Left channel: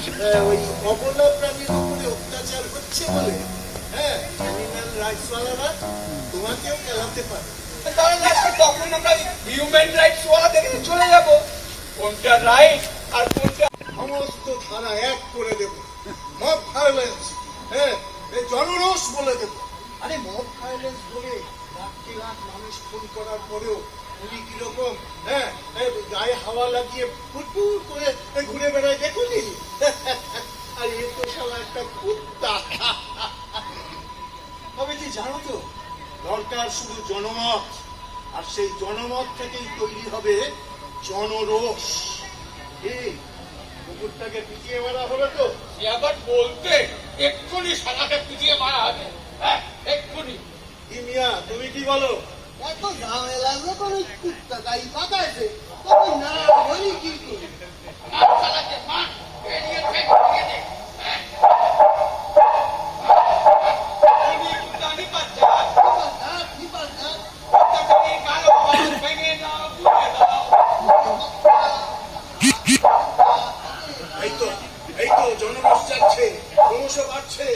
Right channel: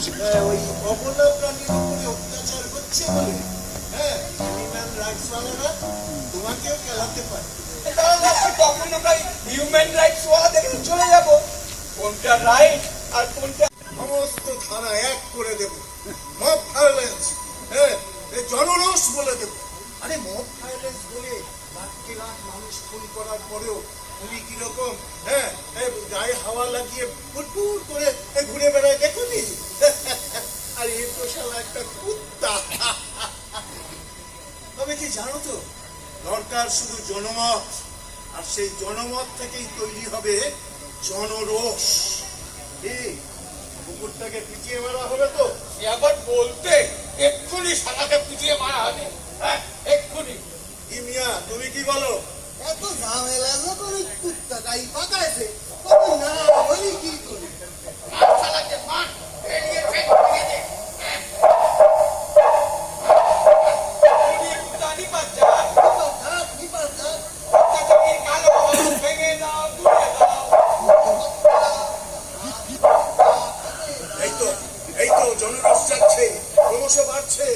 আহ, ওই অবলা প্রাণীর উপরে অত্যাচার হচ্ছে বলে। হ্যাঁ অ্যানিম্যাল রাইটসওয়ালারা তোমাকেও খেলাতে পারে। তখন আমরা হিউম্যান রাইটস ওয়া দেখে চলে যাব। কোনটা রাইট আর কোনটা সমস্ত ধারা এক করে দেব। মব ভায়োলেন্স হ্যাঁ এই জনরোষ বলে দেব। আরে মব ভায়োলেন্স বলে লাখটি লাখ মানুষ খুন করার পরেও উনি কীরকম হ্যাঁ গায়ে হাওয়া লাগিয়ে ফুটফুট করে জানো তো দরকার শুধু জনমত আর সেই জনমত থেকেই তৈরি হবে জনরোষ। কুকুরটাকে পিছিয়ে মারা হলো তো? আবার বলতে এক্ষুনি সাদাকে পিছিয়ে মারা হবে। হ্যাঁ এক্ষুনি। কি মিয়া তুমি কি বলো? এত ঝামেলা যখন ওই কুত্তা গাই পাকাইছে না হই এই তো জনরস যাচ্ছে ক্রমশ বাড়ছে।